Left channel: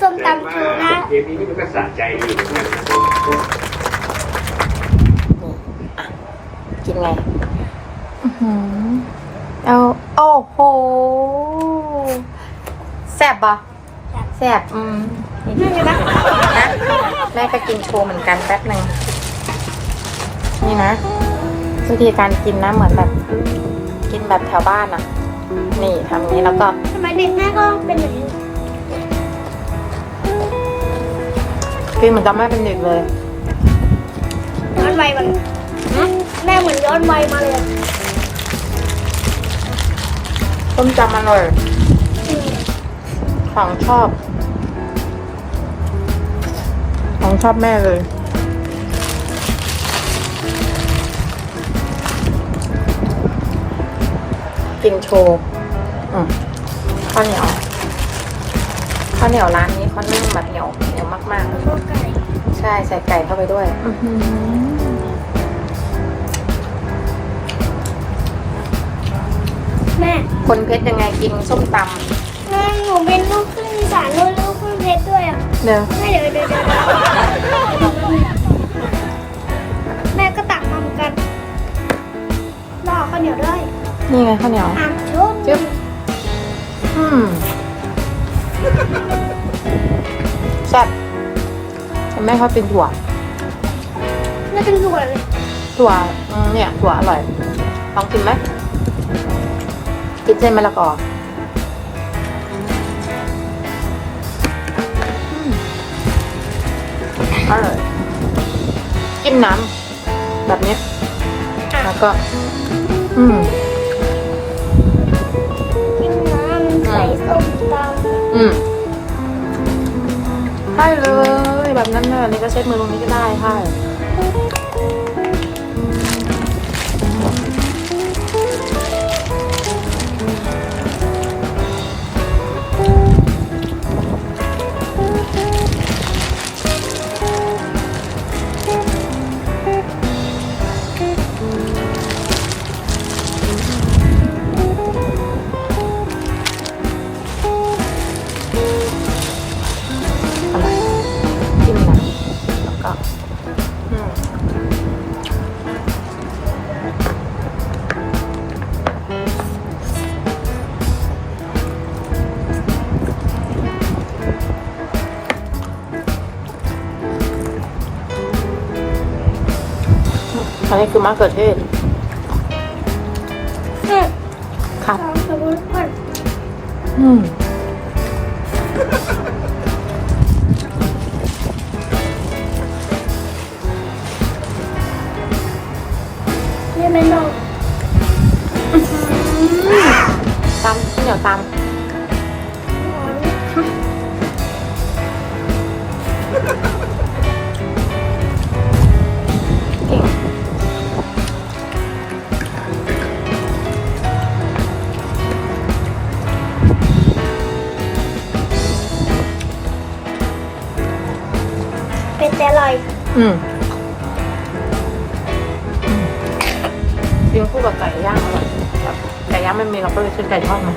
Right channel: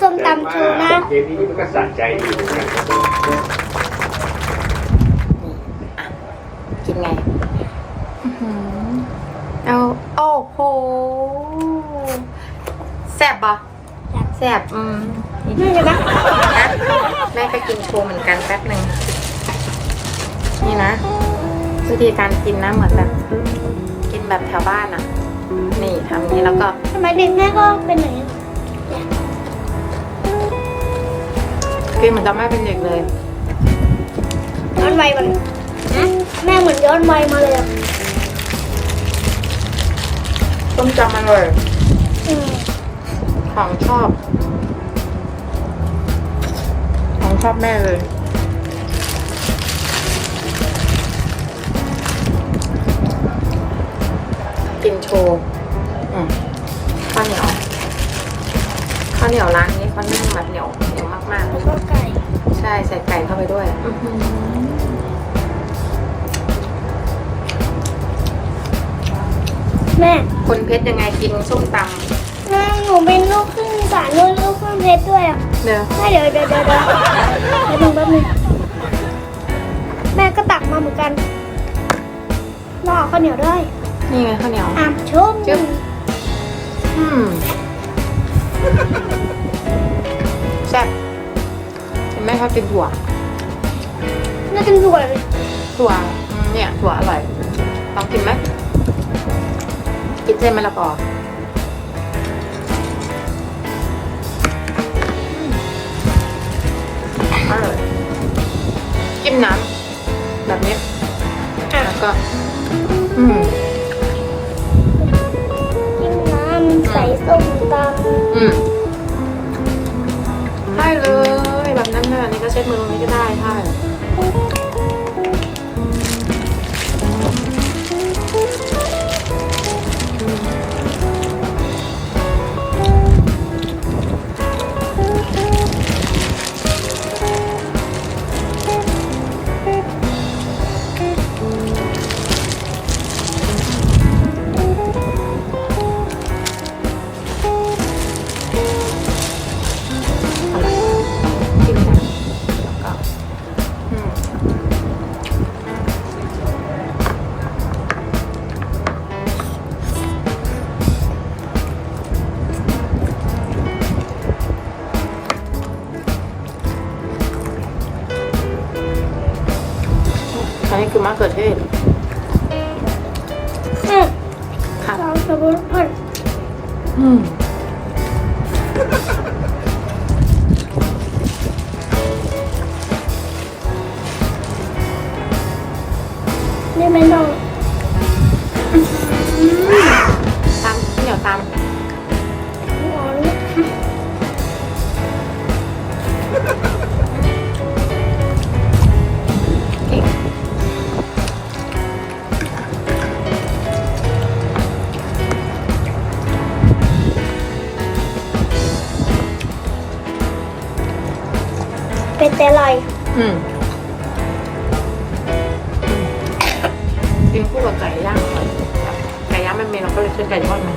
ส้มตำโชว์นะ เกมนี้มันก็สะใจดีเหมือนกันกินไงอื้อหือเอาโอ้โหแซ่บปะแซ่บอืมนี่เลยปะแม่ก็กินโชว์เหมือนกันแป๊บหนึงนี่นะวิธีการกินนะเหมือนแบบ กินแบบแถวบ้านอะนี่ทำนี้แล้วก็ทำไมเด็กแม่ก็เป็นอย่างนี้ กินเหมือนกับแม่เป็นเด็กเลยย้อนวัยมันแม่เหมือนย้อนวัยมาเลยอะต้มจำอร่อยอืมของชอบ ของชอบแม่เลย กินโชว์อืมข้าวเหนียว ข้าวเหนียวร้านนี้เขานึ่งแบบเหนียวเหนียวมากๆแล้วก็ไก่ใช่ใส่ไก่เข้าไปด้วยแม่คนเพชรยังไงกินส้มตแม่หนูเป็นลูกครึ่งอีสานด้วยลูกครึ่งเพชรด้วยอะำเนอะแม่เดี๋ยวเดี๋ยวเดี๋ยวเดี๋ยวเดี๋ยวแป๊บนึงแม่ก็ตักมาเหมือนกันรอข้าวเหนียวด้วยนี่ไงข้าวเหนียว อะชมจึ๊บอืม แซ่บแต่แม่ชอบกินถั่ว น่าจะสวยเลยถั่วอืมเนี่ยถั่วอร่อย ลองกินไหมกินเส้นมะละกออร่อยจิ้มน้ำแบบนี้ แล้วก็ อืม กินน้ำใส่ส้มตำอืม ใช่เลยแบบนั้นเลยนี่ก็เช็ดมือตรงนี้ก็ได้ใช่ อันนี้คือมะเขือเทศเอ๊ะครับสองสบู่พันอืม แต่อร่อยอืมอืมกินคู่กับไก่ย่างอร่อยไก่ย่างไม่มีเราก็เลยกินไก่ทอดมา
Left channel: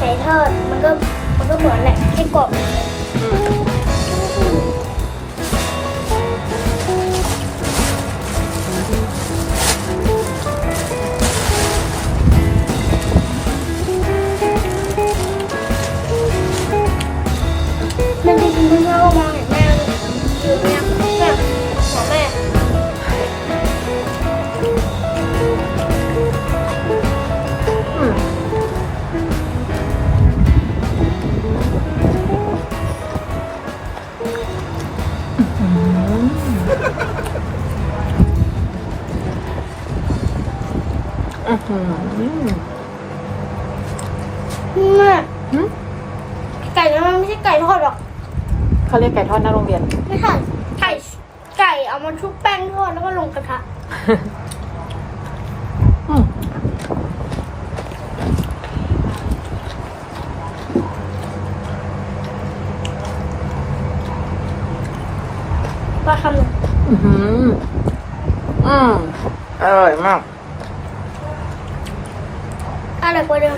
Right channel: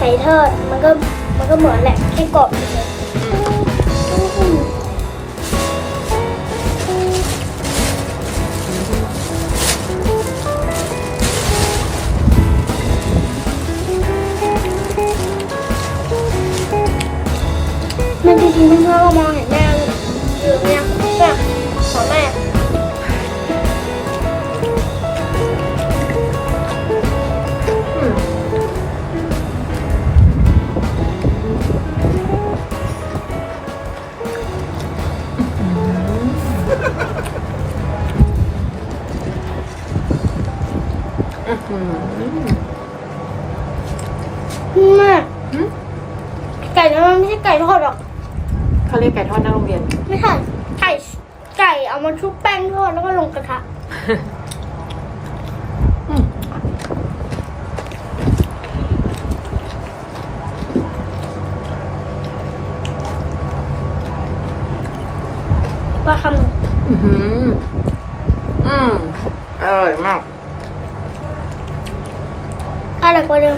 ไก่ทอดมันก็มันก็เหมือนแหละที่กรอบ อื้อหือแม่หืมไก่นั้นมันไม่ใช่ไก่ทอดหรอก เขาเรียกไก่ทอดหน้าโรงเรียน ไม่ใช่ไก่ไก่เอามาชุบแป้งทอดแล้วก็ลงกระทะอืมว่าคำหนึ่งอื้อหืออืมอร่อยมาก ahora cuando